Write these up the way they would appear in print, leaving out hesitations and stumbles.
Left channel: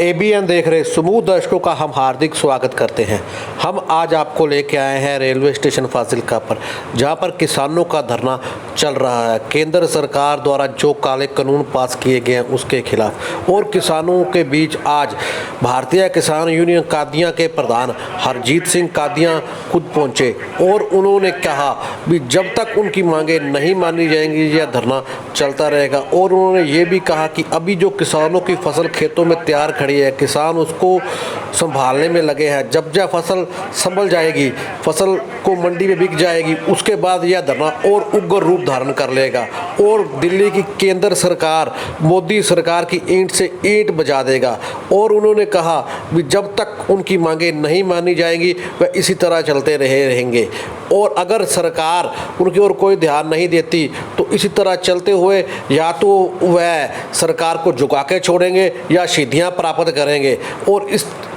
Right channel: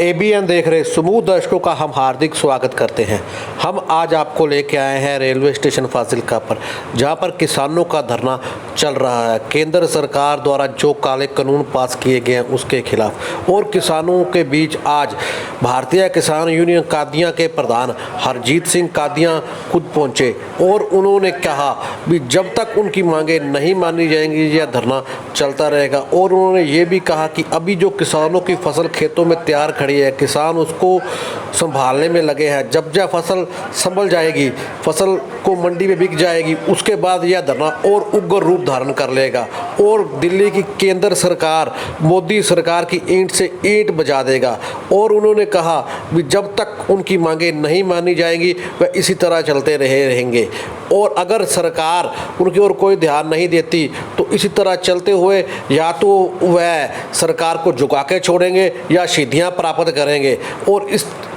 ABN देख रहे समूह दर्शकों का हम हार्दिक स्वागत करते हैं। हम आज आपको लेके आए हैं रेलवे स्टेशन फाजिल्का पर, जहां पर किसानों का धरना चल रहा है। केंद्र सरकार द्वारा जो काले कानून पास किए गए हैं उसके खिलाफ, और किसानों के बीच आज भारतीय किसान यूनियन कादियां के प्रधान हरजीत सिंह कादियां खुद पहुंचे और उन्होंने कहा कि जब तक उनकी मांगे नहीं मानी जाएंगी यह धरना चलता रहेगा। और उन्होंने ये भी कहा कि अभी जो किसानों की फसल खेतों में तैयार खड़ी है, किसान उसको संभालने में लगे हैं। जब फसल संभल जाएगी, फसल को मंडी में बिक जाएगी, उसके बाद यह धरना और उग्र रूप धारण कर लेगा और दिल्ली की केंद्र सरकार मोदी सरकार की ईंट से ईंट बजा देगा। और उन्होंने कहा कि जब तक उनकी मांगे नहीं मानी जाएंगी वह इसी तरह चलते रहेंगे, और अगर सरकार उनकी ओर कोई ध्यान नहीं देती तो इसी तरह चलते हुए या तो वह सरकार को झुका के छोड़ेंगे या सीधियाँ प्राप्त करेंगे, और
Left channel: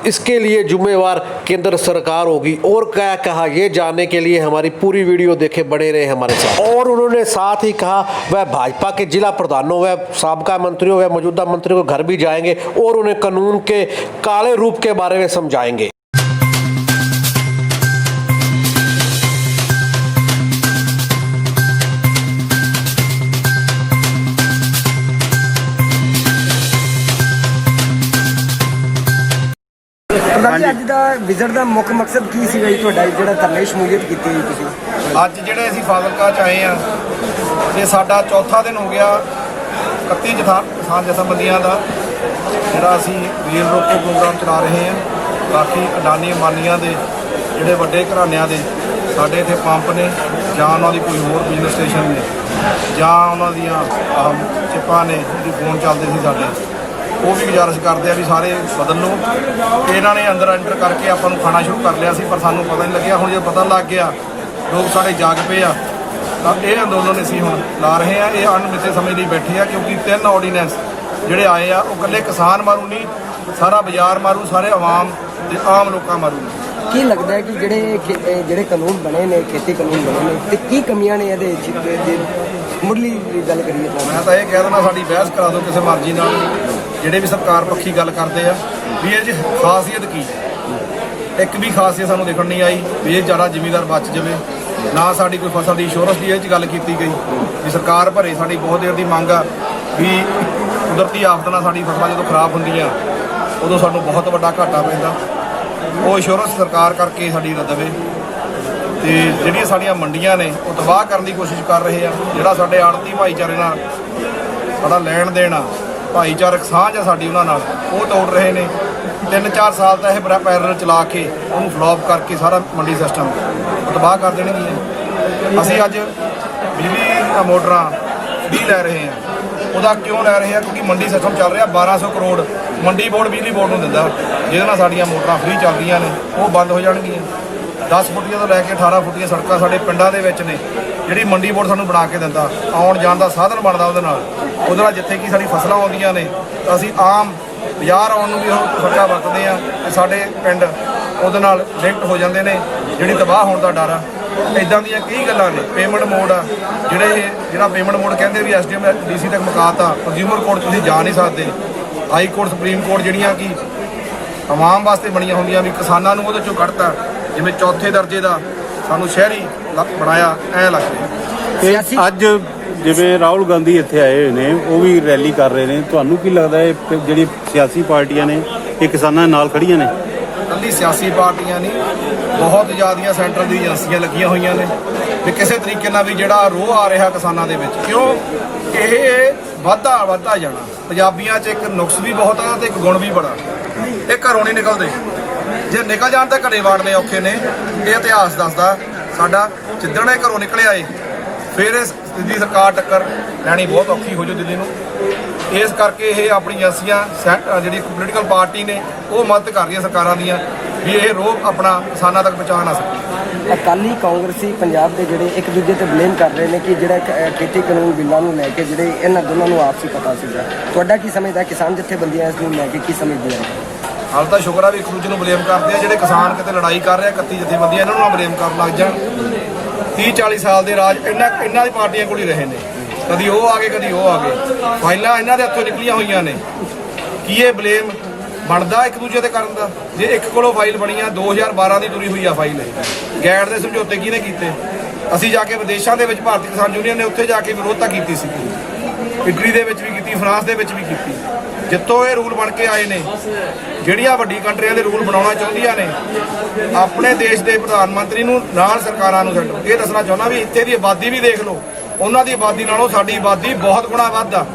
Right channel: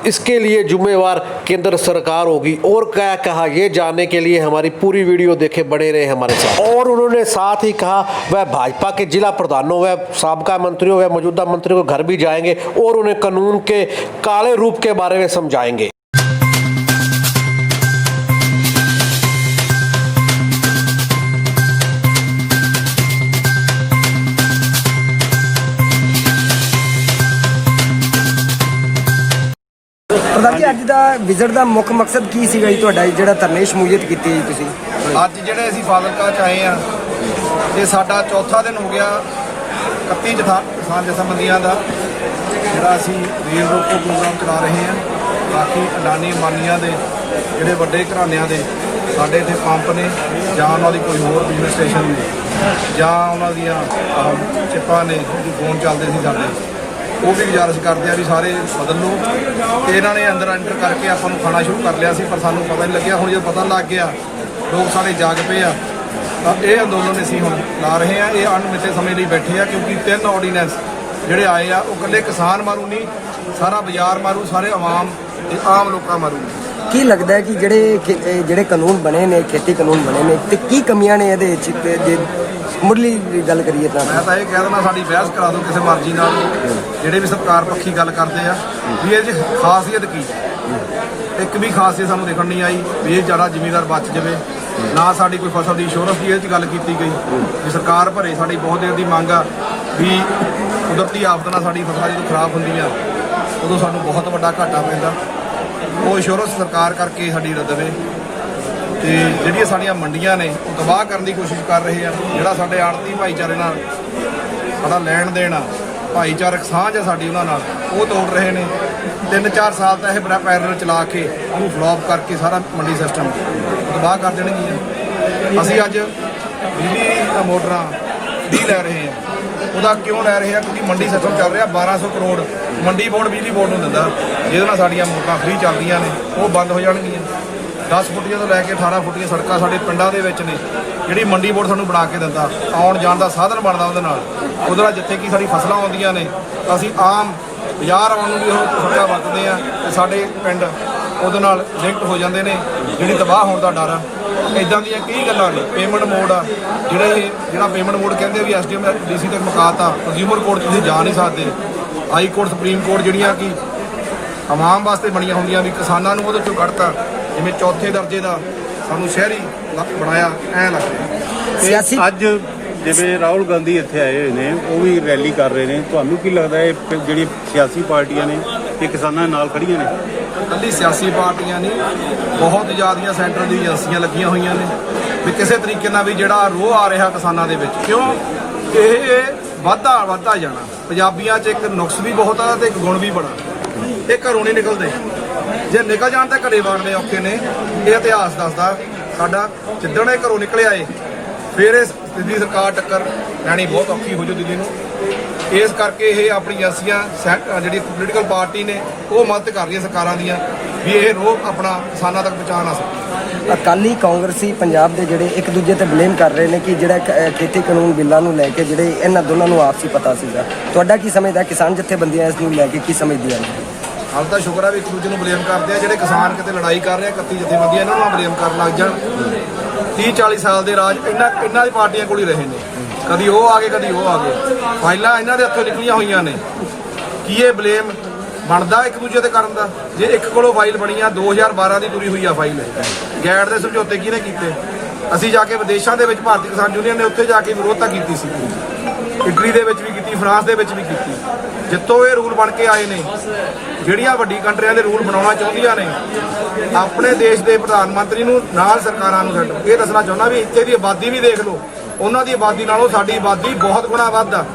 इसके लिए जिम्मेवार केंद्र सरकार होगी। और क्या कहा ये जानने के लिए हमारी पूरी वीडियो देखे, बने रहे हमारे साथ। और उन्होंने साथ ही कहा वह भाजपा के जिला प्रधानों व साबका मंत्रियों व मौजूदा मंत्रियों के घर भी जाएंगे और उन्हें कानून के काले रूप के बारे में समझाएंगे। प्रधान जी, अज का विजिट का मुख्य मकसद की सीगा जी तुहाडा जिहड़ा धरने शमूलियत कीती जी तुसीं? ਅੱਜ ਜਿਹੜੇ ਅਸੀਂ ਫਾਜ਼ਿਲਕਾ ਚ ਆਏ ਆ ਤੇ ਸਾਡਾ ਚੌਥਾ ਦਿਨ ਹੋ ਗਿਆ 31 ਕਿਸਾਨ ਜਥੇਬੰਦੀਆਂ ਦਾ ਜਿਹੜਾ ਅਸੀਂ ਰੇਲ ਰੋਕੋ ਪ੍ਰੋਗਰਾਮ ਚਲਾ ਰਹੇ ਆ। ਬਾਕੀ ਅਡਾਨੀ ਅੰਬਾਨੀਆਂ ਦੇ ਜਿਹੜੇ ਵੱਡੇ ਘਰਾਣਿਆਂ ਦੇ ਸਾਡੇ ਇੱਥੇ ਪੰਪ ਨੇ, ਜਾਂ ਉਹਨਾਂ ਦੀ ਕੋਈ ਹੋਰ ਬਿਜ਼ਨਸ ਸਟੇਸ਼ਨ ਨੇ, ਜਾਂ ਉਹਨਾਂ ਦੀਆਂ ਚਿੱਪਾਂ ਨੇ ਜਿਹੜੀ ਫੋਨ ਚੱਲਦੇ ਸੀ ਸਾਡੇ, ਉਹ ਵੀ ਗੁਜ਼ਾਰਿਸ਼ ਕਰਦੇ ਆ ਵੀ ਸਾਰੇ ਬਦਲ ਲਓ। ਤੇ ਇਹਨਾਂ ਨੇ ਅੰਦਰ ਐਂਟਰ ਕਰਕੇ ਆਪਾਂ ਨੂੰ ਖਾਣਾ ਸ਼ੁਰੂ ਕਰ ਲਿਆ ਸੀ, ਪਰ ਸਾਨੂੰ ਪਤਾ ਨਹੀਂ ਲੱਗਿਆ। ਹੁਣ ਜਦੋਂ ਪਤਾ ਲੱਗ ਗਿਆ ਲੋਕ ਸਾਡੇ ਜਾਗ ਪਏ ਆ, ਤਾਂ ਇਹ ਅੰਦੋਲਨ ਅਸੀਂ ਹੁਣ ਲਾ ਰਹੇ ਆ। ਇਹ ਅਣਮਿੱਥੇ ਸਮੇਂ ਲਈ ਬੈਠੇ ਆ, ਕਿਉਂਕਿ 3 ਆਰਡੀਨੈਂਸ ਜਿਹੜੇ ਆਏ ਆ ਉਹ ਇਕੱਲੇ ਕਿਸਾਨ ਮਾਰੂ ਨਹੀਂ, ਸਾਰਾ ਬਾਜ਼ਾਰ ਮਾਰੂ, ਸਾਰੇ ਆਵਾਮ ਤੇ ਆਮ ਲੋਕਾਂ ਮਾਰੂ। ਕੀ ਲੱਗਦਾ ਹੈ ਕਿ ਜਿਹੜੇ ਕਾਨੂੰਨ ਬਣੇ ਨੇ, ਖੇਤੀ ਕਾਨੂੰਨ ਬਣੇ ਨੇ, ਤੇ ਕੀ ਕਮੀਆਂ ਨੇ ਇਹਦੇ ਵਿੱਚ? ਮੁੱਢਲੀ ਗੱਲ ਕਰੀਏ ਤਾਂ ਮੈਂ ਤਾਂ ਇਹ ਕਹਿ ਦਿੰਦਾ ਸਾਡੀ ਬਹਿਸ ਕਰਾ ਦਿਓ ਕਿਸੇ ਮਰਜ਼ੀ ਨਾਲ। ਜਿਹੜੇ ਵੀ ਸਰਕਾਰ ਪੱਖੀ ਗੱਲ ਕਰਦੇ ਆ ਵੀ ਇਹ 'ਚ ਖਾਸੀਅਤ ਕੀ, ਇੱਕ ਵੀ ਖਾਸੀਅਤ ਸਾਨੂੰ ਦਿਖਣ ਨਹੀਂ ਆਈ ਵੀ ਇਹ ਜ਼ਿਆਦਾ ਜ਼ਿਮੀਂਦਾਰ ਬਚ ਜਾਵੇ। ਨਾ ਸਾਡੀ ਕੋਈ ਫਸਲ ਦੀ ਇੰਸ਼ੋਰੈਂਸ ਦੀ ਇਹ 'ਚ ਗੱਲ ਕੀਤੀ ਗਈ ਵੀ ਸਰਕਾਰ ਭਰੇ। ਸਾਡੀ ਬਹੁਤ ਦੇਰ ਦੀ ਮੰਗ ਆ ਵੀ ਕੁਦਰਤੀ ਆਫਤ ਨਾਲ ਸਾਡੀ ਫਸਲਾਂ ਜਦੋਂ ਖਰਾਬ ਹੁੰਦੀਆਂ ਉਦੋਂ ਸਾਨੂੰ ਬਹੁਤ ਵੱਡਾ ਘਾਟਾ ਪੈਂਦਾ, ਉਹ ਇੰਸ਼ੋਰੈਂਸ ਸਰਕਾਰ ਕਰਕੇ ਸਾਡੀ ਦੇਵੇ। ਤੇ ਜਿਹੜੀਆਂ ਸਾਡੀਆਂ ਮੰਡੀਆਂ ਨੇ ਉਹ ਤਬਾਹ ਕਰਨ ਦੀ ਕੋਸ਼ਿਸ਼ ਕਰ ਰਹੇ ਆ। ਜਿਹੜਾ ਸਾਡੇ ਆੜਤੀ ਭਾਈਚਾਰੇ ਨਾਲ ਸਾਡਾ ਲੈਣ ਦੇਣ ਆ, ਭਾਈਚਾਰਕ ਸਾਂਝ ਆ ਸਾਡੀ ਉਹਨਾਂ ਨਾਲ, ਉਹ ਤੋੜ ਰਹੇ ਨੇ। 3-4 ਸਾਲ ਤਾਂ ਇਹ ਬੜਾ ਪੈਰਲ ਚਲਾ ਕੇ ਉਹਨੂੰ ਫਲੋਪ ਕਰਕੇ ਸਾਰਾ ਮੰਡੀ ਸਿਸਟਮ ਤਬਾਹ ਕਰ ਦੇਣਗੀਆਂ। ਅਸੀਂ ਅੱਜ ਬਿਜਲੀ ਮੋਟਰਾਂ ਫ੍ਰੀ ਲੈ ਰਹੇ ਹਾਂ। ਉਹਦਾ ਕਿਉਂ ਲੈ ਰਹੇ ਆ? ਕਿਉਂਕਿ ਮੰਡੀ ਸਿਸਟਮ ਚੱਲ ਰਿਹਾ 1200 ਕਰੋੜ ਮੰਡੀ ਬੋਰਡ ਬਿਜਲੀ ਬੋਰਡ ਨੂੰ ਦਿੰਦਾ, ਜਿਹਦੇ ਨਾਲ ਸਾਡੀਆਂ ਮੋਟਰਾਂ ਫ੍ਰੀ ਚੱਲਦੀਆਂ ਨੇ, ਉਹ ਬੰਦ ਹੋ ਜਾਣਗੀਆਂ। 10 ਫੁੱਟੀਆਂ ਤੋਂ ਲੈ ਕੇ 18 ਫੁੱਟੀਆਂ ਸੜਕਾਂ ਸਾਡੇ ਪਿੰਡਾਂ ਦੇ ਵਿੱਚ ਨੇ, ਜਿਹੜੀ ਮੰਡੀ ਬੋਰਡ ਸਾਨੂੰ ਬਣਾ ਕੇ ਦਿੰਦਾ, ਆਉਣ ਜਾਣ ਦਾ ਸਾਧਨ ਬਣਦਾ ਉਹਦੇ ਨਾਲ ਜਿੱਥੇ ਕਿ ਸਾਡੀ ਫਸਲਾਂ ਆਉਂਦੀਆਂ ਨੇ ਤਾਂ ਅਸੀਂ ਆਮ ਬਾਜ਼ਾਰ ਆਉਣ ਨੂੰ ਵੀ ਉਹ ਸੜਕਾਂ ਵਰਤਦੇ ਆ, ਤੇ ਸਾਡੇ ਪਿੰਡ ਉਹਦੇ ਨਾਲ ਲਿੰਕ ਹੋ ਜਾਂਦੇ ਨੇ, ਜਿਹੜੀ ਤਬਾਹ ਹੋਣ ਦਾ ਡਰ ਆ। ਇੱਦਾਂ ਦੀਆਂ ਕਈ ਗੱਲਾਂ ਨੇ। ਪੇਮੈਂਟ ਮੋਡ ਆ, ਜਿਹੜਾ ਪੇਮੈਂਟ ਮੋਡ ਕਹਿੰਦੇ ਵੀ ਐਸਡੀਐਮ ਡੀਸੀ ਤੱਕ ਮੁਕਾਤਾ। ਕੰਜ਼ਿਊਮਰ ਕੋਰਟ ਤੁਸੀਂ ਜਾ ਨਹੀਂ ਸਕਦੇ। ਹਾਈ ਕੋਰਟ, ਸੁਪਰੀਮ ਕੋਰਟ ਜਿਹੜੀਆਂ ਕਿ ਆਵਾਮ ਵਾਸਤੇ ਬਣੀਆਂ ਹੁੰਦੀਆਂ ਵੀ ਕਿਸਾਨਾਂ ਨੂੰ ਉਹਦੇ ਚੋਂ ਕੱਢਤਾ। ਜਿਵੇਂ ਚੌਥੇ ਦਰਜੇ ਦਾ ਸਾਨੂੰ ਸ਼ਹਿਰੀ ਬਣਾਇਆ, ਐਂ ਲੱਗਦਾ। ਅੱਜ ਜਿਵੇਂ ਰਾਹੁਲ ਗਾਂਧੀ ਇੱਥੇ ਆਏ ਹੋਏ ਨੇ, ਉਹ ਵੀ ਰੈਲੀ ਕਰ ਰਹੇ ਨੇ, ਤੁਹਾਨੂੰ ਕੀ ਲੱਗਦਾ ਹੈ ਜਿਹੜੀ ਸਿਆਸੀ ਪਾਰਟੀਆਂ ਨੇ ਇਹ ਕਿਸਾਨਾਂ ਦੇ ਨਾਲ ਖੜੀਆਂ ਨੇ? ਇਕੱਲੀ ਸਿਆਸੀ ਪਾਰਟੀਆਂ ਨਹੀਂ, ਬਹੁਤ ਜ਼ਿਆਦੀਆਂ ਸੈਂਟਰ ਦੀ ਏਜੰਸੀਆਂ ਲੱਗੀਆਂ ਹੋਈਆਂ ਨੇ ਵੀ ਕਿਸੇ ਤਰੀਕੇ ਨਾਲ ਵੀ ਜਿਹੜਾ ਰੋਹ ਆ ਰਿਹਾ ਕਿਸਾਨਾਂ ਦੇ ਵਿੱਚ, ਕਿਉਂ ਇਹ ਵੱਧਦਾ ਜਾਣਾ। ਪੰਜਾਬੀਆਂ 'ਚ ਇੱਕ ਨੁਕਸ ਵੀ ਬਹੁਤ ਆ ਤੇ ਇੱਕ ਗੁਣ ਵੀ ਬੜਾ, ਇਹ ਘਰੋਂ ਨਹੀਂ ਨਿਕਲਦੇ। ਜੇ ਨਿਕਲ ਜਾਣ ਤਾਂ ਘਰੇ ਵਾੜਨੇ ਔਖੇ ਨੇ। ਇਹ ਇਤਿਹਾਸ ਦੱਸਦਾ ਸਾਡਾ, ਜਿੱਦਣ ਇਹ ਘਰੋਂ ਨਿਕਲਿਆ ਏ ਫਿਰ ਇਹ ਦਿੱਲੀ ਸਰਕਾਰ ਟੱਕਰ ਲੈਣੀ ਬਹੁਤ ਔਖੀ ਹੋ ਜੂ ਦਿੱਲੀ ਨੂੰ। ਇਸ ਕਰਕੇ ਇਹ ਆਪਣੀ ਏਜੰਸੀਆਂ ਜਿਹੜੀ ਪੋਲੀਟੀਕਲ ਪਾਰਟੀ ਨੇ ਉਹ ਮਦਦ ਕਰ ਰਹੀਆਂ ਸਰਕਾਰਾਂ ਦੀਆਂ ਵੀ ਇਹ ਰੋਹ ਆਪਣਾ ਕਿਸਾਨਾਂ ਤੱਕ ਪਹੁੰਚਾ ਨਾ ਸਕੇ। ਅਕਾਲੀ ਕਾਂਗਰਸੀ ਪੰਜਾਬ ਦੇ ਜਿਹੜੇ ਇੱਕ ਦੂਜੇ ਤੇ ਬਲੇਮ ਕਰ ਰਹੇ ਨੇ ਕਿ ਜਿਹੜਾ ਖੇਤੀ ਕਾਨੂੰਨ ਬਿੱਲਾਂ ਨੂੰ ਲੈ ਕੇ ਜਿਹੜੇ ਇਹਨਾਂ ਦੋਨਾਂ ਨੂੰ ਆਪਸੀ ਪਤਾ ਸੀਗਾ, ਤੁਹਾਡਾ ਕੀ ਸਮਝਦਾ? ਕਿਸਾਨ ਜਥੇਬੰਦੀਆਂ ਇਸ ਨੂੰ ਲੈ ਕੇ ਕੀ ਸਮਝਦੀਆਂ ਨੇ? ਹਾਲ ਤਾਂ ਸ਼ੁਕਰ ਆ ਵੀ ਇੱਕ ਦੂਜੇ ਨੂੰ ਬਲੇਮ ਕਰਦੇ ਆ। ਜਿਹੜੇ ਕਿਸਾਨ ਕਿਤੇ ਲੜਾਈ ਕਰ ਰਹੇ ਆ 31 ਜਥੇਬੰਦੀਆਂ, ਇਹਨਾਂ ਨੂੰ ਨਾ ਬਲੇਮ ਕਰਨ ਲੱਗ ਜਾਣ। 30-40 ਸਾਲ ਦੇ ਰਾਜ ਇਹਨਾਂ ਦੀ ਪਾਰਟੀਆਂ ਕੋਲ ਹੀ ਰਹੇ ਨੇ। ਕਦੀ ਉਹ ਆ ਗਏ, ਕਦੀ ਉਹ ਆ ਗਏ। ਫਾਈਲਾਂ ਇਹਨਾਂ ਦੇ ਹੱਥੋਂ ਨਿਕਲੀਆਂ ਹੋਈਆਂ ਨੇ। ਕੀ ਇਹ ਬਲੇਮ ਬਣਦਾ ਇੱਕ ਦੂਜੇ ਤੇ ਕਰਨ ਦਾ। ਜੇ ਇੱਕ ਕੋਲੋਂ ਫਾਈਲ ਬਣੀ ਆ 2012 ਦੀ ਤੁਰੀ ਹੋਈ ਆ ਫਾਈਲ, ਗੈਟ ਦੇ ਸਮਝੌਤੇ ਕਿਹਨੇ ਕੀਤੇ? ਅਸੀਂ ਜਾ ਕੇ ਵਿਦੇਸ਼ਾਂ ਦੇ ਵਿੱਚ ਭਾਰਤੀ ਕਿਸਾਨ ਯੂਨੀਅਨ ਨੇ ਉੱਥੇ ਜਾ ਕੇ ਵਿਰੋਧਤਾ ਕੀਤੀ ਸੀ, ਇਟਲੀ ਦੇ ਵਿੱਚ ਵੀ ਕੀਤੀ, ਫਰਾਂਸ ਦੇ ਵਿੱਚ ਵੀ ਕੀਤੀ। ਜਿੱਥੋਂ ਇਹ ਰੂਲ ਬਣ ਕੇ ਆਏ ਨੇ, ਜਿਹੜੀਆਂ ਵੱਡੀ ਕੰਟਰੀਆਂ ਦੇ ਰੂਲ ਬਣਾਉਣਾ ਚਾਹੁੰਦੀਆਂ ਨੇ, ਆਪਣੇ ਦੇਸ਼ ਦੇ ਪ੍ਰਧਾਨ ਮੰਤਰੀ ਨੂੰ ਨਾਲ ਸਰਕਾਰਾਂ ਨੂੰ ਛੱਡੋ। ਇਹ ਦੱਸਣਾ ਚਾਹੁੰਦਾ ਵੀ ਇੱਥੇ ਦੀ ਆਬਾਦੀ ਵੀ ਦੇਖ ਲਓ, ਉਹਨਾਂ ਦੀ ਆਬਾਦੀ ਨਾਲੋਂ ਸਾਡੀ ਆਬਾਦੀ ਬਹੁਤ ਗੁਣਾ ਵੱਧ ਆ।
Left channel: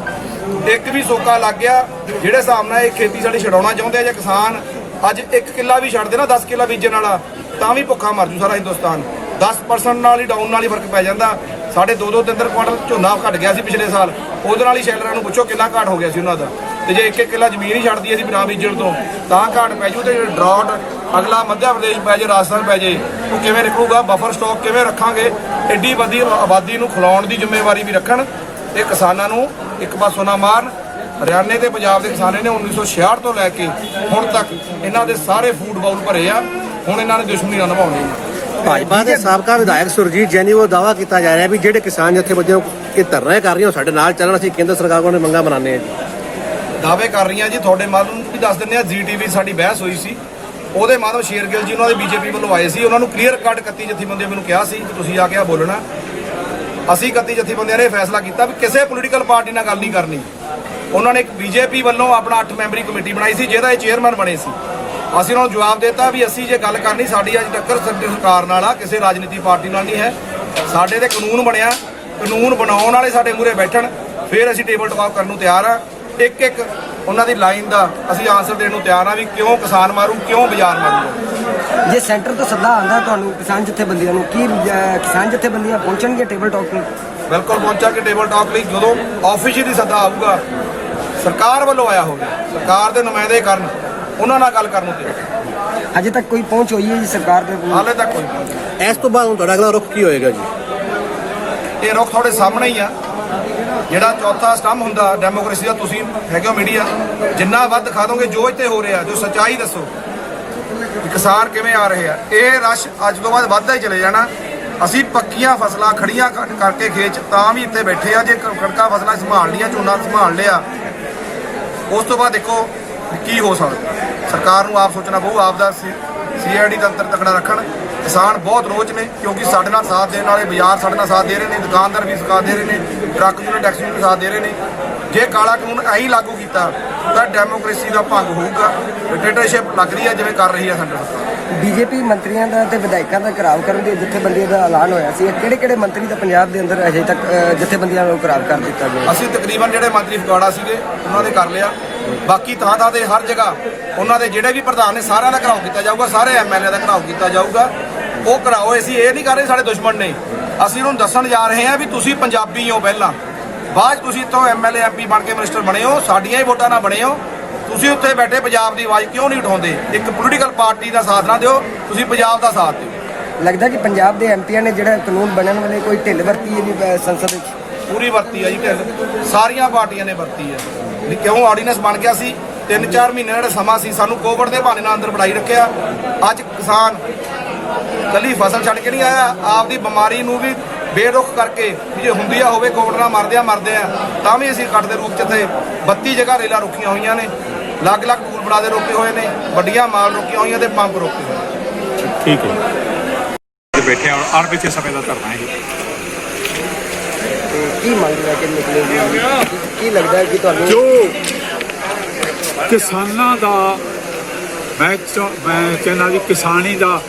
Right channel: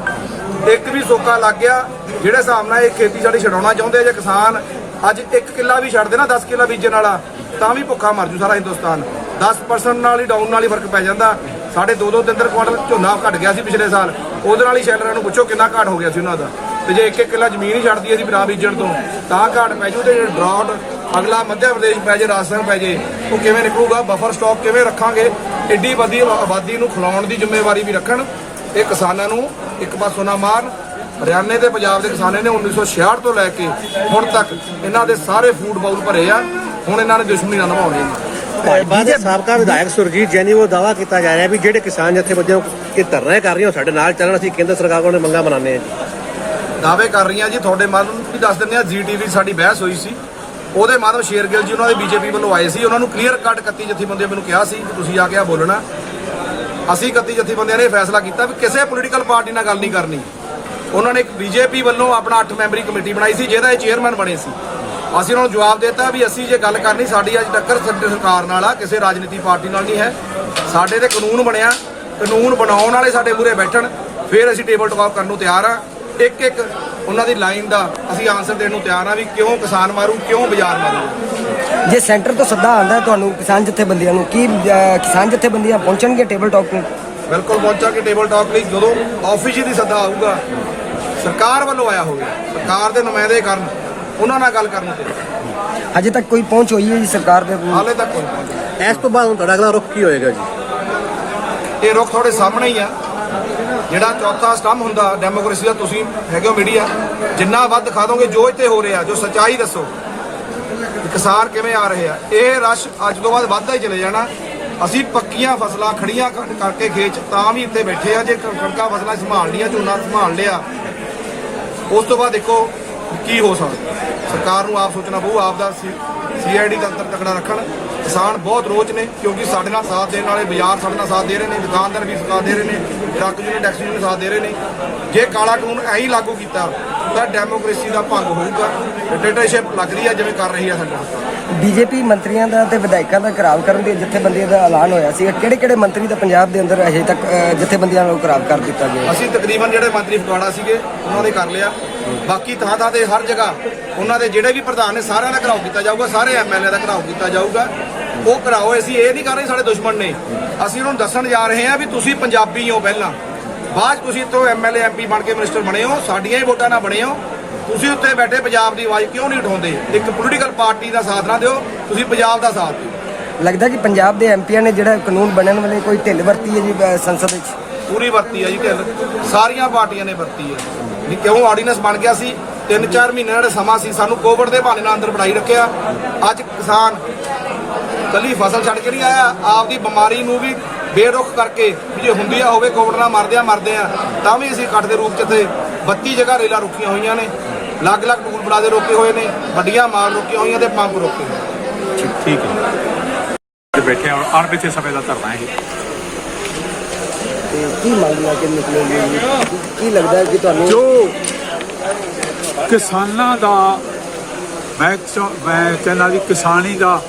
ਇੱਕ ਵੀ ਸੋਕਾ ਲੱਗ ਗਿਆ, ਜਿਹੜੇ ਹਿਸਾਬ ਨਾਲ ਇਹ ਖੇਤੀ ਸਾਡੀ ਛਡਾਉਣਾ ਚਾਹੁੰਦੇ। ਜੇ ਕਿਸਾਨ ਅੱਜ 1 ਕਿੱਲਾ ਵੀ ਛੱਡ ਦੇ ਨਾ 10 ਕਿੱਲਾ ਬੀਜਣ ਵਾਲਾ, ਤਾਂ ਵੀ ਭੁੱਖਾ ਮਰ ਜੂ ਸਾਰਾ ਹਿੰਦੁਸਤਾਨ। 10% ਨਾਲ ਹੀ ਡਾਊਨ ਨਾਲ ਹੀ ਫਰਕ ਪੈ ਜਾਂਦਾ। ਸਾਡੇ 2-2 ਕੁਆਂਟਲ ਝੋਨਾ ਘਟ ਗਿਆ ਸੀ ਪਿਛਲੇ ਸਾਲ, ਉਹਦੇ ਨਾਲ ਹੀ ਸ਼ੈਲਰਾਂ ਨੂੰ ਪੁੱਛੋ ਕਿੰਨਾ ਘਾਟ ਹੋ ਗਿਆ ਸੀ ਉਹਨਾਂ ਦਾ। ਤੇ ਜੇ 1-1 ਕਿੱਲਾ ਜ਼ਮੀਨ ਹੀ ਛੱਡਦੀ ਸੀ ਬਿਨਾਂ ਬੀਜਣ ਤੋਂ, ਤਾਂ ਘਾਟ ਪੈ ਜੂ। ਤੇ ਡਰਾਊਟ ਅਗਲਾ ਮੱਧ ਪ੍ਰਦੇਸ਼ ਪੈ ਜੇ, ਰਾਜਸਥਾਨ ਪੈ ਜੇ, ਉਹ ਕਿਵੇਂ ਨਿਕਲੂਗਾ? ਬਫਰ ਸਟਾਕ ਕਿਵੇਂ ਰੱਖਾਂਗੇ? ਐਡੀ ਵੱਡੀ ਆਬਾਦੀ ਨੂੰ ਖਿਲਾਉਣ ਦੀ ਜ਼ਿੰਮੇਵਾਰੀ ਵੀ ਰੱਖਣ। ਇਹ ਕਿਸਾਨਾਂ ਨੂੰ ਇੱਕ ਪਾਸੋਂ ਨਾ ਮਾਰਨ। ਹਰਿਆਣੇ ਤੇ ਪੰਜਾਬ ਦੇ ਕਿਸਾਨਾਂ ਨੇ 1966 ਤੋਂ ਲੈ ਕੇ ਹੁਣ ਤੱਕ ਇਹਨਾਂ ਦੇ ਸਾਰੇ ਫੂਡ ਬਾਉਲ ਭਰੇ ਆ। ਹੁਣ ਇਹਨਾਂ ਨੇ ਦੁਸ਼ਮਣੀ ਨਾ ਨਿਭਾਉਣੀ। ਭਾਜਪਾ ਦੇ ਸਾਬਕਾ ਵਿਧਾਇਕ ਸੁਰਜੀਤ ਜੈਨੀ ਉਹ ਦਾਅਵਾ ਕੀਤਾ ਜਾ ਰਿਹਾ ਵੀ ਜਿਹੜੇ ਕਿਸਾਨ ਜਥੇਬੰਦੀਆਂ ਕਿ ਧਰਨਾ ਕਰ ਰਹੀਆਂ ਸਾਡੇ ਨਾਲ ਚੱਲਣ, ਅਸੀਂ ਕੇਂਦਰ ਸਰਕਾਰ ਕੋਲ ਮੰਗਾਂ ਬਣਾਉਂਦੇ ਹਾਂ ਜੀ। ਦਾਅਵੇ ਕਰ ਰਹੀਆਂ ਜੀ, ਤੁਹਾਡੇ ਮਾਧਿਅਮ ਵੀ ਦੱਸ ਦਿੰਦੇ ਆ। GTV ਸਾਡੀ ਬਹਿਸ ਹੋਈ ਸੀ, ਉਹਦੇ ਮਾਧਿਅਮ ਸ਼ੇਰਗਿੱਲ ਜੀ ਉਹਨਾਂ ਦੇ BJP ਵੱਲੋਂ ਆਏ ਸੀ। ਉਹਨਾਂ ਨੂੰ ਕਲੀਅਰ ਕੱਟ 31 ਜਥੇਬੰਦੀਆਂ ਮੈਨੂੰ ਕਿਹਾ ਸੀ ਕਿ ਤੁਸੀਂ ਆ ਕੇ ਆ ਬੋਲਣਾ। ਅਸੀਂ 31 ਜਥੇਬੰਦੀਆਂ ਨੇ ਫੈਸਲਾ ਕੀਤਾ ਵੀ ਕਿਸੇ ਪੋਲੀਟੀਕਲ ਪਾਰਟੀ ਨਾਲ ਗੱਲ ਨਹੀਂ ਕਰਨੀ। ਉਹਨਾਂ ਨੇ ਇੱਕ BJP ਵੱਲੋਂ ਆਪਣਾ 8 ਮੈਂਬਰੀ ਕਮੇਟੀ ਬਣਾਈ ਸੀ, ਜਿਹਦਾ ਇਹ ਚੇਅਰਮੈਨ ਬਣੇ ਸੀ। ਅਸੀਂ ਉਹਨਾਂ ਨੂੰ ਜਵਾਬ ਦਿੱਤਾ ਵੀ ਅਸੀਂ ਜੇ ਗੱਲ ਕਰਨੀ, ਸਾਡੀ ਅੱਜ ਟੱਕਰ ਸਰਕਾਰ ਨਾਲ ਆ, ਕਿਸੇ ਰਾਜਨੀਤੀ ਪਾਰਟੀ ਨਾਲ ਨਹੀਂ ਹੈ। ਸਾਡੇ ਤੇ ਕਾਨੂੰਨ ਬਣਿਆ, ਕਾਨੂੰਨ ਬਣਾਉਣ ਵਾਲੇ ਸਾਡੇ ਮੂਹਰੇ ਬੈਠਣ, ਫਿਰ ਅਸੀਂ ਟੇਬਲ ਟਾਕ ਕਰਨ ਨੂੰ ਤਿਆਰ ਆ। ਇੱਕ ਉਹਨਾਂ ਦੀ ਲਾਈਨ ਦਾ ਅਸੀਂ ਆਨਸਰ ਦੇਣ ਨੂੰ ਤਿਆਰ ਆ ਵੀ ਕਿਉਂ ਕਿਸਾਨ ਮਾਰੂ, ਕਿਉਂ ਬਾਜ਼ਾਰ ਮਾਰੂ। ਜੇ ਸੈਂਟਰ ਤੋਂ ਸੱਦਾ ਆਉਂਦਾ ਤੁਹਾਨੂੰ ਕਿਸਾਨ ਜਥੇਬੰਦੀਆਂ ਨੂੰ, ਕੀ ਕਿਸਾਨ ਜਥੇਬੰਦੀਆਂ ਪਹੁੰਚਣਗੇ ਟੇਬਲ ਟਾਕ ਤੇ? ਬਿਲਕੁਲ ਪਹੁੰਚਾਂਗੇ ਟੇਬਲ ਟਾਕ ਲਈ। ਜਦੋਂ ਆਫੀਸ਼ੀਅਲੀ ਸੱਦਾ ਆਊਗਾ, ਸਰਕਾਰ ਵੱਲੋਂ ਆਇਆ ਹੋਵੇ, ਸਰਕਾਰ ਦੇ ਨੁਮਾਇੰਦੇ ਕਰਨ, ਉਹਨਾਂ ਨਾਲ ਗੱਲ ਕਰਨ ਨੂੰ ਤਿਆਰ। ਹਜੇ ਤੱਕ ਕੋਈ ਪਹੁੰਚ ਹੋਈ ਹੈ ਜੀ ਸਰਕਾਰ ਦੇ? ਹਾਲੇ ਤੱਕ ਕੋਈ ਪਹੁੰਚ ਨਹੀਂ। ਇਸ ਤੋਂ ਬਾਅਦ ਹੁਣ ਤੁਹਾਡਾ ਅਗਲਾ ਰੁਖ ਕੀ ਹੋਏਗਾ ਜੀ? ਇਹ ਰੁਖ ਤੁਹਾਡੇ ਸਾਹਮਣੇ ਹੀ ਆ। ਜਿਹੜਾ ਚੌਥਾ ਸਟੰਭ ਹੁੰਦਾ ਡੈਮੋਕ੍ਰੇਸੀ ਦਾ, ਤੁਸੀਂ ਹੈਗੇ ਹੋ ਮੀਡੀਆ, ਜਿੰਨਾ ਵੱਧ ਦਿਖਾ ਦੋਗੇ ਜੋ ਇੱਥੇ ਹੋ ਰਿਹਾ, ਜੋ ਸੱਚਾਈ ਦੱਸੋ ਕਿ ਕਿਸਾਨ ਕਿਵੇਂ ਆ ਰਹੇ ਆ, ਇਹ ਰਸ਼ ਅੱਜ ਤੋਂ ਬਾਅਦ ਵੱਧਦਾ ਹੀ ਚਲੇ ਜਾਣਾ। ਅਸੀਂ ਪੱਕੀਆਂ ਫਸਲਾਂ ਖੜੀਆਂ ਕਰਕੇ ਖੇਤ 'ਚ ਤਾਂ ਵੀ ਇੱਥੇ ਬੈਠੇ ਆ। ਜੇ ਕਣਕਾਂ ਫਸਲਾਂ ਸੰਭਾਲ ਲਈਆਂ, ਝੋਨਾ ਸੰਭਾਲ ਲਿਆ, ਉਸ ਤੋਂ ਬਾਅਦ ਦੇਖੋ ਕੀ ਹੋ ਸਕਦਾ। ਸਰਕਾਰ ਨੂੰ ਆਪ ਸੋਚਣਾ ਪਊ, ਆਪ ਦਾ CID ਤੰਤਰ ਤਕੜਾ ਰੱਖਣ। ਕਿਸਾਨ ਬਹੁਤ ਰੋਚ ਨੇ, ਕਿਉਂਕਿ ਸਾਡੇ ਨਾਲ ਸਾਥ ਦੇਣ ਵਾਲੇ ਬਾਜ਼ਾਰ ਸਾਡੇ ਨਾਲ ਸਾਥ ਦੇ ਰਹੇ ਨੇ, ਦੁਕਾਨਦਾਰ ਵੀ ਸਾਥ ਦੇ ਰਹੇ ਨੇ, ਟਰੱਕ ਯੂਨੀਅਨ ਟੈਕਸੀ ਯੂਨੀਅਨ ਸਾਥ ਦੇ ਰਹੇ ਨੇ। ਜੇ ਕਾਲਾ ਕਾਨੂੰਨ ਐਂ ਹੀ ਲਾਗੂ ਕੀਤਾ ਤਾਂ ਡੈਮੋਕ੍ਰੇਸੀ ਦਾ ਭੰਗ ਹੋਊਗਾ। ਡਿਕਟੇਟਰਸ਼ਿਪ ਲੱਗ ਰਹੀ ਹੈ ਜਿਵੇਂ ਕਰ ਰਹੀ ਹੈ ਸਾਡੀ ਸਰਕਾਰ। BJP ਮੰਤਰੀਆਂ ਦਾ ਤੇ ਵਿਧਾਇਕਾਂ ਦਾ ਘਿਰਾਓ ਕਰਨ ਦੇ ਜਥੇਬੰਦੀਆਂ ਦਾ ਐਲਾਨ ਹੋਇਆ ਸੀ। ਕਿਹੜੇ ਮੰਤਰੀ ਦਾ ਪੰਜਾਬ ਦੇ ਅੰਦਰ ਅਜੇ ਤੱਕ ਜਥੇਬੰਦੀਆਂ ਨੂੰ ਘਿਰਾਓ ਕਰ ਦਿੱਤਾ ਗਿਆ? ਅਸੀਂ ਤਕਰੀਬਨ ਜਿਹੜੇ ਮੰਤਰੀ ਫਗਵਾੜਾ ਸੀਗੇ ਉਹਨਾਂ ਦੇ ਕਰ ਲਿਆ। ਬਾਕੀ ਥਾਂ ਤੇ ਹਰ ਜਗ੍ਹਾ ਉਹਨਾਂ ਦੇ ਜਿਹੜੇ ਵੀ ਪ੍ਰਧਾਨ ਨੇ ਸਾਰਿਆਂ ਦਾ ਘਿਰਾਓ ਕੀਤਾ ਜਾਊਗਾ, ਸਾਰੇ MLA ਦਾ ਘਿਰਾਓ ਕੀਤਾ ਜਾਊਗਾ। ਉਹ ਘਿਰਾਓ ਅਸੀਂ ਇਹ ਨਹੀਂ ਕਰ ਰਹੇ ਸਾਡੇ ਦੁਸ਼ਮਣ ਨੇ, ਅਸੀਂ ਉਹਨਾਂ ਨੂੰ ਦੱਸਣ ਜਾ ਰਹੇ ਹਾਂ ਵੀ ਤੁਸੀਂ ਪੰਜਾਬੀ ਹੋ ਪਹਿਲਾਂ, ਬਾਅਦ ਤੁਸੀਂ ਇੱਥੋਂ MLA MP ਬਣ ਕੇ ਮਿਨਿਸਟਰ ਬਣੇ ਹੋ, ਸਾਡੀਆਂ ਹੀ ਵੋਟਾਂ ਨਾਲ ਬਣੇ ਹੋ। ਤੁਸੀਂ ਉੱਥੇ ਬੈਠੇ ਪੰਜਾਬ ਦੀ ਆਵਾਜ਼ ਕਿਉਂ ਨਹੀਂ ਉਠਾਉਂਦੇ? ਇੱਕ ਪੋਲੀਟੀਕਲ ਪਾਰਟੀ ਦਾ ਸਾਥ ਨਾ ਦਿਓ, ਤੁਸੀਂ ਪੰਜਾਬ ਦਾ ਸਾਥ ਦਿਓ। ਲੱਗਦਾ ਕਿ ਪੰਜਾਬ ਦੇ MPਆਂ ਨੇ ਜਿਹੜਾ ਕਾਨੂੰਨ ਬਣਨ ਵਾਲੇ ਕੋਈ ਢਿੱਲ ਵਰਤੀ ਹੈ ਜੀ ਸੰਸਦ ਵਿੱਚ? ਪੂਰੀ ਵਰਤੀ ਹੈ ਜੀ ਢਿੱਲ, ਸਾਰੀਆਂ ਪਾਰਟੀਆਂ ਨੇ ਵਰਤੀ ਹੈ। ਕਿਉਂ ਆਰਡੀਨੈਂਸ ਬਣ ਗਿਆ ਸੀ 3-4 ਮਹੀਨੇ ਦਾ ਸਮਾਂ ਸੀ, ਸਾਨੂੰ ਕੋਵਿਡ ਦੇ ਬਹਾਨੇ ਨਾਲ ਅੰਦਰ ਬਿਠਾਈ ਰੱਖਿਆ। ਅੱਜ ਕਿਸਾਨ ਕੱਲੀ ਫਸਲ ਛੱਡ ਕੇ ਨਹੀਂ ਆਇਆ, ਆਪਦੀ ਬਿਮਾਰੀ ਨੂੰ ਵੀ ਬੇਰੁਖ ਕਰਕੇ ਵੀ ਜੇ ਹੁੰਦੀ ਆ ਹੋਵੇ ਕੋਵਿਡ ਨਾਲ ਮਰਦੇ ਆ ਤਾਂ ਵੀ ਅਸੀਂ ਕੱਟ ਦੇ ਰੂਪ 'ਚ ਇੱਥੇ 32 ਜਗ੍ਹਾ ਰੇਲਾਂ ਰੁਕੀਆਂ ਹੋਈਆਂ ਨੇ, ਅਲੱਗ-ਅਲੱਗ ਟੂਲ ਬਣਾ ਦੇ ਰੋਕੇ ਹੋਏ ਨੇ, ਵੱਡੀਆਂ ਮਾਲ ਰੋਕੀਆਂ ਹੋਈਆਂ ਤੇ ਪੰਪ ਰੋਕੇ ਹੋਏ। ਠੀਕ ਹੈ। ਬੈਠੇ ਹੁਣ ਅਣਮਿੱਥੇ ਸਮੇਂ ਦਾ ਧਰਨਾ ਹੈ। ਤੇ ਕੀ ਮੰਗ ਲੈ ਕੇ ਨਿਕਲੇਗੀ? ਕੀ ਲੱਗਦਾ ਹੈ ਕਿ ਤੁਹਾਨੂੰ ਜੋ ਕਿਸਾਨਾਂ ਦਾ ਮੈਂ ਕਹਿੰਦਾ ਵੀ ਕਿਸਾਨੀ ਦਾ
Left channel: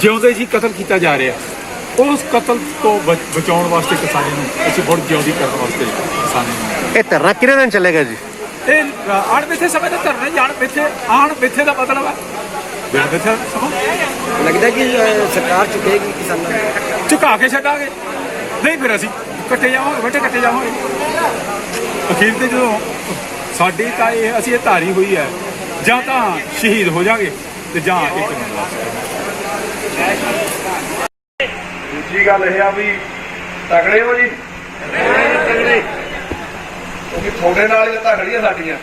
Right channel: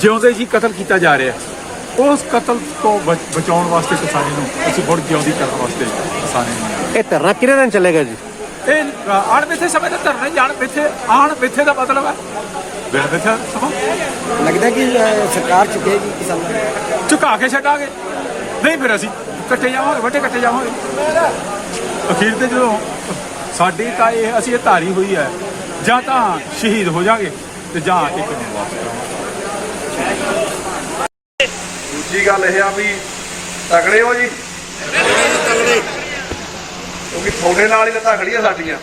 ਜਿਉਂਦੇ ਜੀ ਕਤਲ ਕੀਤਾ ਜਾ ਰਿਹਾ, ਉਸ ਕਤਲ ਤੋਂ ਬਚਾਉਣ ਵਾਸਤੇ ਕਿਸਾਨੀ ਨੂੰ ਅਸੀਂ ਮੁੜ ਜਿਉਂਦੀ ਕਰਨ ਵਾਸਤੇ ਕਿਸਾਨੀ ਨੂੰ ਇਹ ਧਰਨਾ ਕਿੰਨੇ ਦਿਨ ਚੱਲੇਗਾ ਜੀ? ਇਹ ਅਣਮਿੱਥੇ ਸਮੇਂ ਦਾ ਧਰਨਾ ਹੀ। ਅਣਮਿੱਥੇ ਦਾ ਮਤਲਬ ਹੈ ਬਿਨ ਮਿੱਥੇ ਸਮਾਂ। ਲੱਗਦਾ ਕਿ ਸਰਕਾਰ ਚੁੱਕੇਗੀ ਕਿਸਾਨ? ਝੁਕਾ ਕੇ ਛੱਡਾਂਗੇ, ਨਹੀਂ ਫਿਰ ਅਸੀਂ ਕੱਟੇ ਜਾਵਾਂਗੇ, ਵੱਟੇ ਕੱਟੇ ਜਾਵਾਂਗੇ। ਅਖੀਰ ਤੇ ਜਦੋਂ ਸਾਡੀ ਤਾਂ ਇਹ ਅਸੀਂ ਇਹ ਧਾਰੀ ਹੋਈ ਹੈ, ਜਾਂ ਤਾਂ ਸ਼ਹੀਦ ਹੋ ਜਾਗੇ ਤੇ ਜਾਂ ਇੱਕ ਨੂੰ ਵਾਪਸ ਕਰਾਂਗੇ। ਦੂਜੀ ਗੱਲ ਇਹ ਆ ਵੀ ਤਗੜੇ ਹੋ ਜੀ, ਤਗੜੇ ਕਿਉਂਕਿ ਤੁਹਾਡੇ ਨਾਲ ਹੀ ਤਾਂ ਤਗੜੀ ਆ ਸਾਡੀਆਂ।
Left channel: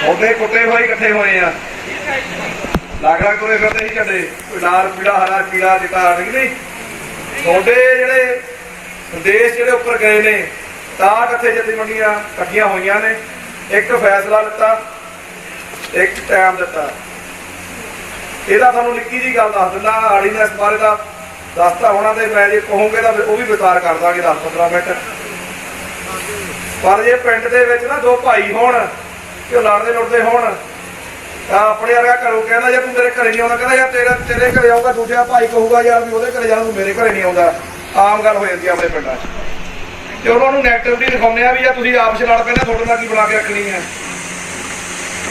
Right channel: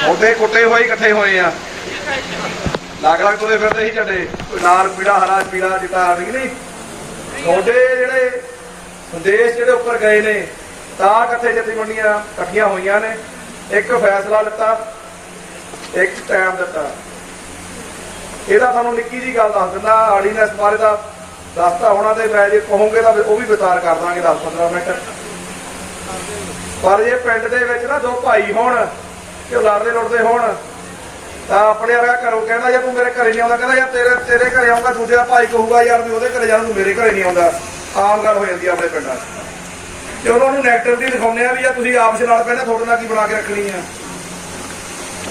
ਤੁਹਾਡੇ ਕੁੱਟੇ ਹੋਏ ਇਕੱਠੇ ਹੋਏ ਆ, ਲੱਗ ਤੁਰੇ ਫਿਰਦੇ ਸੀ ਝੰਡੇ, ਲਾਲ ਪੀੜਾ ਹਰਾ ਪੀੜਾ ਚਿੱਟਾ ਨਹੀਂ। ਤੁਹਾਡੇ ਜਿਹੜੇ ਸੰਦੇਸ਼ ਜਿਹੜੇ ਉੱਪਰ ਗਏ ਨੇ ਤਾਂ ਇਕੱਠੇ ਜਥੇਬੰਦੀਆਂ ਇਕੱਠੀਆਂ ਹੋਈਆਂ ਨੇ, ਇੱਕ ਫੈਸਲਾ ਲਿੱਤਾ ਇੱਕ ਟਾਈਮ ਦਿੱਤਾ। ਇਹਦਾ ਤੁਹਾਨੂੰ ਨਿੱਕੀ ਜੀ ਗੱਲ ਦੱਸ ਦਿੰਦਾ, ਆਰਡੀਨੈਂਸ ਬਾਰੇ ਦਾ ਦੱਸਤਾ ਹੋਣਾ, ਤੇ ਮੈਂ ਜੇ ਕਹੋਗੇ ਤਾਂ ਉਹ ਵੀ ਵਿਸਤਾਰ ਕਰ ਦਾਂਗੇ 10-15 ਮਿੰਟ। ਪਰ ਜੇ ਪਿੰਡ ਦੇ ਵਿੱਚ ਨਾ ਦੋ ਭਾਈ ਹੋਣ ਕਿ ਉਹ ਲੜਦੇ ਲੜਦੇ ਹੋਣ ਤਾਂ ਆਪਣੇ ਵਰਗਾ ਘਰੋਂ ਕਹਿੰਦਾ ਜੇ ਤੂੰ ਮੇਰੇ ਘਰੇ ਨਹੀਂ ਆਉਂਦਾ, ਕਹਿੰਦਾ ਯਾਰ ਤੇਰੇ ਘਰੇ ਆਊਗਾ, ਦੂਜਾ ਭਾਈ ਕਹੂਗਾ ਯਾਰ ਵੀ ਉਹਦੇ ਘਰੇ ਜਾਣ, ਤੂੰ ਮੇਰੇ ਘਰੇ ਨਹੀਂ ਆਉਂਦਾ। ਆਮ ਗੱਲ ਹੋ ਜਾਂਦੀ ਆ ਆਪਣੇ ਪਿੰਡਾਂ 'ਚ। ਜੇ ਉਹਨਾਂ ਨੂੰ ਨੈਗੇਟਿਵਿਟੀ ਦਿਖਾਉਂਦੇ ਆ ਵੀ ਜਾਂ ਤੁਸੀਂ ਆਪਸ ਲੜ ਪੈਣਾ, ਤੁਹਾਡੇ ਨਾਲ ਕੀ ਬਣਾ ਕੇ ਰੱਖਣੀ ਆ,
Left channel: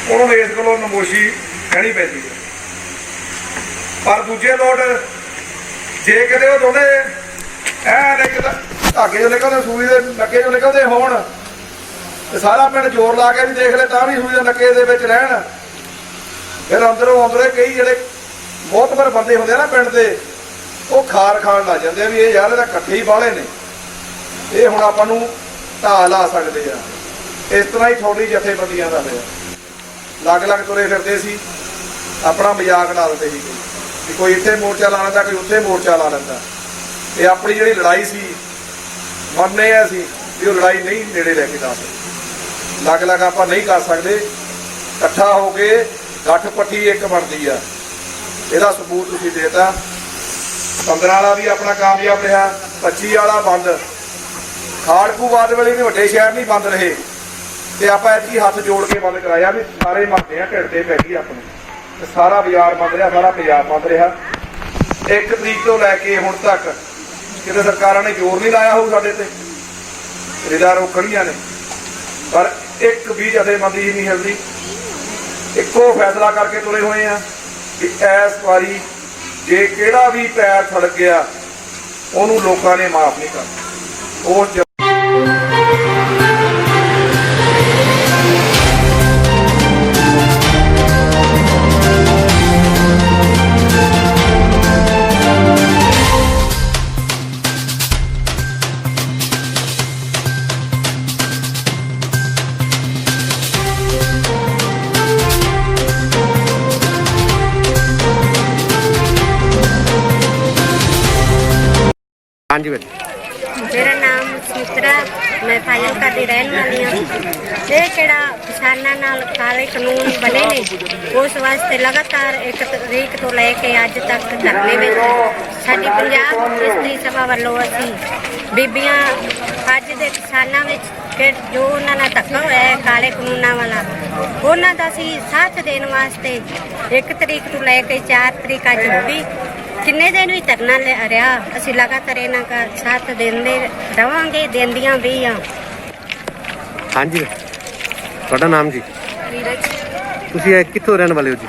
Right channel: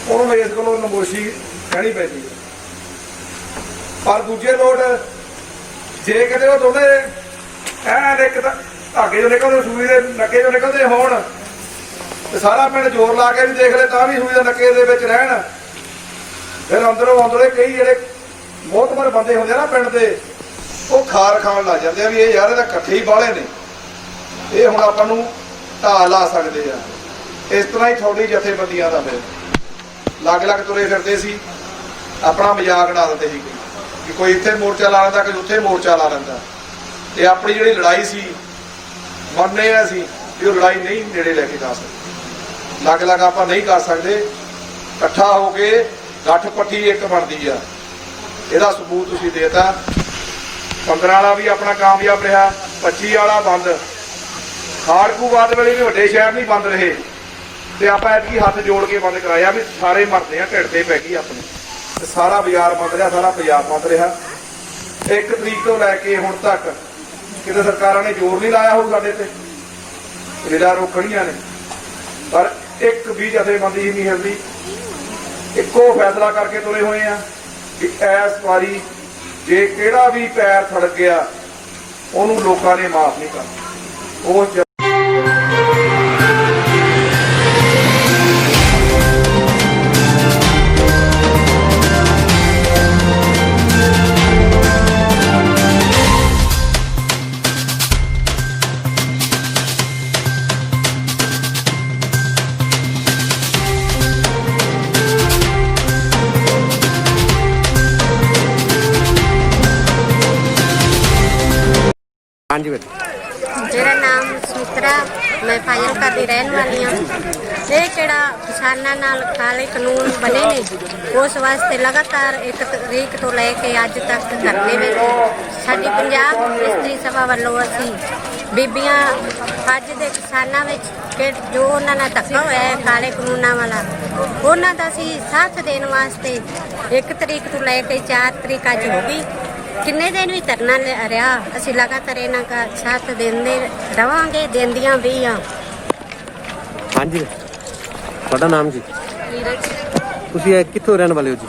ਉਹਨੂੰ ਇਸ ਕੋਲੋਂ ਨਮੋਸ਼ੀ ਕਹਿਣੀ ਪੈਂਦੀ ਹੈ। ਪਰ ਦੂਜੇ ਲੋਟ ਜੇ ਕਿਤੇ ਉਹ ਦੋਨੇ ਐਨ ਇੱਕ ਧਾਗੇ ਚੋਂ ਨਿਕਲਦੇ, ਸੂਈ ਦੇ ਨੱਕੇ ਚੋਂ ਨਿਕਲਦੇ ਹੋਣ, ਤੇ ਸਾਰਾ ਪਿੰਡ ਜ਼ੋਰ ਲਾ ਕੇ ਵੀ ਦੇਖ ਲੈ ਤਾਂ ਵੀ ਸੂਈ ਦੇ ਨੱਕੇ ਦੇ ਵਿੱਚ ਰਹਿਣ, ਫਿਰ ਅੰਦਰੋਂ ਕਈ ਜਿਹੜੇ ਬਹੁਤ ਬੰਦੇ ਹੁੰਦੇ ਆ ਨਾ ਪਿੰਡ ਦੇ, ਉਹ ਖਾਰ ਖਾਣ ਲੱਗ ਜਾਂਦੇ ਆ ਵੀ ਇਹ ਯਾਰ ਇਹਦਾ ਇਕੱਠੇ ਹੀ ਬਾਹਲੇ ਨੇ, ਇਹ ਹੁਣ ਆਪਾਂ ਨੂੰ ਢਾਹ ਲਾ ਸਕਦੇ ਆ। ਇਸ ਤਰ੍ਹਾਂ ਹੀ ਤੁਹਾਡੀ ਜਥੇਬੰਦੀਆਂ ਦਾ ਫਿਰ ਲੱਗ ਤੁਰੇ ਫਿਰਦੇ ਸੀ, ਆਪਣਾ ਮਜ਼ਾਕ ਉਡਾ ਦਿੰਦੇ ਸੀ ਕਿ ਕੋਈ ਇੱਥੇ ਮੋਰਚਾ ਲਾ ਲੈਂਦਾ, ਕੋਈ ਉੱਥੇ ਮੋਰਚਾ ਲਾ ਲੈਂਦਾ। ਤੇ ਆਪਣੀ ਜਿਹੜੀ ਲੜਾਈ ਸੀ ਮੰਨਦੇ ਆ ਅਸੀਂ ਵੀ ਉਹ ਲੜਾਈ ਨਹੀਂ ਨੇੜੇ ਲੈ ਕੇ ਜਾ ਸਕਦੇ, ਲੱਗ ਆਪਾਂ ਨਹੀਂ ਕਰ ਸਕਦੇ। ਇਕੱਠਾ ਹੋ ਕੇ ਗੱਠ ਪੱਠੀ ਇੱਕ ਬਣਦੀ ਆ, ਇਹਦਾ ਸਬੂਤ ਤੁਸੀਂ ਦੇਤਾ। 15 ਵਾਲਾ ਵੀ ਆਪਣਾ ਕਾਮਯਾਬ ਰਿਹਾ, 25 ਵਾਲਾ ਬੰਦ, ਖਾੜਕੂਵਾਦ ਵੇਲੇ ਵੀ ਵੱਡੇ ਸ਼ਹਿਰ ਨਹੀਂ ਬੰਦ ਰਹੇ, ਤੇ ਆਪਾਂ ਇੱਥੇ ਹੱਥ ਜੋੜ ਕੇ ਬੰਦ ਕਰਾਇਆ ਵੀ ਸਾਰੇ ਮਰਦੇ ਆ, ਢਿੱਡ ਤੇ ਪੈ ਗਈ ਆਪਣੇ, ਤੇ ਸਾਰਾ ਬਾਜ਼ਾਰ ਬੰਦ ਰਿਹਾ, ਸਾਰਾ ਪੰਜਾਬ ਬੰਦ ਰਿਹਾ। 1 ਤਰੀਕ ਤੋਂ ਲੈ ਕੇ ਹੁਣ ਤੱਕ ਕਿਤੇ ਸਰਕਾਰਾਂ ਨੇ ਜ਼ੋਰ ਨਹੀਂ ਲਾਇਆ ਹੋਊ ਸਾਡੇ ਤੇ, ਰਿਦਾ ਰੋਕਣੀਆਂ ਨੇ, ਪਰ ਇੱਕ ਵੀ ਜਥੇਬੰਦੀ ਹੀ ਨਹੀਂ ਹਿਲਦੀ। ਇੱਕੋ ਫੈਸਲਾ ਕਰਕੇ ਤੁਰੇ ਹੋਏ ਆ ਕਿ ਇਸ ਵਾਰੀ ਜੇ ਕਿਹੜਾ ਵੀ ਪੈਰ ਥੜਕ ਗਿਆ ਉਹਨੂੰ ਲੋਕਾਂ ਨੇ ਮਾਫ ਨਹੀਂ ਕਰਨਾ। ਉਸ हाँ जी बेटा। मेरा नाम सुमित्रा, मैं फाजिलका ਦੀ ਰਹਿਣ ਵਾਲੀ ਹਾਂ। ਇਹ ਕਿਹੜਾ ਕਿਸਾਨਾਂ ਨਾਲ ਕਾਲੇ ਕਾਨੂੰਨ ਬਣੇ ਨੇ, ਉਸ ਵਾਸਤੇ ਲਗਾਤਾਰ 1 ਤਰੀਕ ਤੋਂ ਲੈ ਕੇ ਅੱਜ ਤੱਕ ਧਰਨੇ ਵਿੱਚ ਸਾਡੀ ਪੰਜਾਬ ਇਸਤਰੀ ਸਭਾ ਵੱਲੋਂ ਅਸੀਂ ਬੀਬੀਆਂ ਅੱਜ ਦੇ ਕਿਸਾਨਾਂ ਵਿੱਚ ਜੋ ਉਹਨਾਂ ਨਾਲ ਧੱਕਾ ਹੋਇਆ ਹੈ ਕਾਲੇ ਕਾਨੂੰਨਾਂ ਵਾਲਾ, ਉਹਨਾਂ ਦਾ ਅਸੀਂ ਸਾਥ ਦੇਣ ਵਾਸਤੇ 1 ਤਰੀਕ ਤੋਂ ਲੈ ਕੇ 4 ਤਰੀਕ ਅੱਜ ਹੋ ਗਈ, ਕਿੰਨੇ ਦਿਨ ਵੀ ਧਰਨਾ ਰਿਹਾ। ਅਸੀਂ ਲਗਾਤਾਰ ਇਹਨਾਂ ਦਾ ਸਾਥ ਦਿੰਦੇ ਰਵਾਂਗੇ, ਦਿੰਦੀਆਂ ਵੀ ਆ। हाँ जी, ਤੁਹਾਡਾ ਨਾਮ ਜੀ? ਨੀਰਜ ਤੁਸੀਂ ਕਿੱਥੋਂ ਰਹਿਣ ਵਾਲੇ ਹੋ ਜੀ?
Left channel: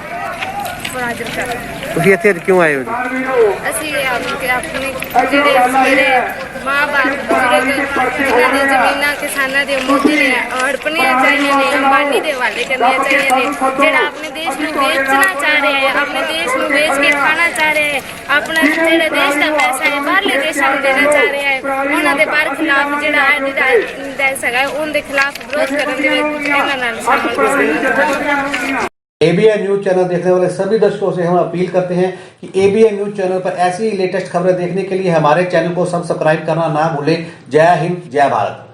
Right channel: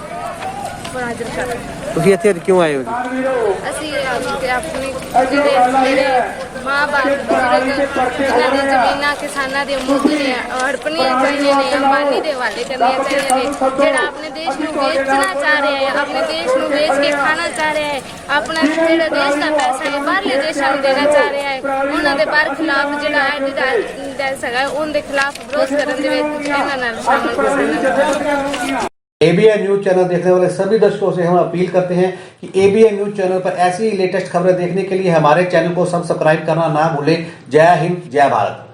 ਫਾਜ਼ਿਲਕਾ। ਤੁਸੀਂ ਇੱਥੇ ਕਿਉਂ ਆਏ ਹੋ ਜੀ? ਅਸੀਂ ਆਪਣੇ ਜਿਹੜੇ ਮੇਰੇ ਮਾਂ-ਬਾਪ ਬਜ਼ੁਰਗ ਜਿਨ੍ਹਾਂ ਦੀ ਜ਼ਮੀਨਾਂ ਕਿਸਾਨਾਂ ਦੇ ਮੋਦੀ ਨੇ ਹੜਪਣੀਆਂ ਚਾਹੀਦੀਆਂ ਨੇ, ਅੰਬਾਨੀ ਦੇ ਹਵਾਲੇ ਕਰਨੀਆਂ ਚਾਹੀਦੀਆਂ ਨੇ, ਜਿਹੜਾ ਆਪਣੇ ਦੇਸ਼ ਨੂੰ ਵੇਚਣਾ ਚਾਹ ਰਿਹਾ ਹੈ, ਆਪਣੇ ਦੇਸ਼ ਨੂੰ ਵੇਚ ਕੇ ਖਾਣਾ ਚਾਹ ਰਿਹਾ ਹੈ, ਆਪਣਾ ਜਿਹੜਾ ਦੇਸ਼ ਦਾ ਪੈਸਾ ਹੈ ਬਾਹਰਲੇ ਦੇਸ਼ਾਂ ਨੂੰ ਦੇਣਾ ਚਾਹ ਰਿਹਾ ਹੈ, ਉਹਨਾਂ ਦੇ ਬਾਹਰ ਖਿਲਾਫ ਜਿਹੜਾ ਐਡੀਡਾਸ ਹੈਗਾ ਉਹਦੇ ਖਿਲਾਫ ਵਿਰੋਧ ਕਰਨ ਦੇ ਵਿੱਚ ਇਹਨਾਂ ਨਾਲ ਸ਼ਾਮਲ ਕਿਸਾਨਾਂ। ABN न्यूज चैनल देखने वाले सभी दर्शकों से हम अपील करते हैं कि ABN न्यूज चैनल पर ऐसी ही लेटेस्ट खबरें देखने के लिए हमारे चैनल को सब्सक्राइब करना ना भूलें। जय हिंद, जय भारत।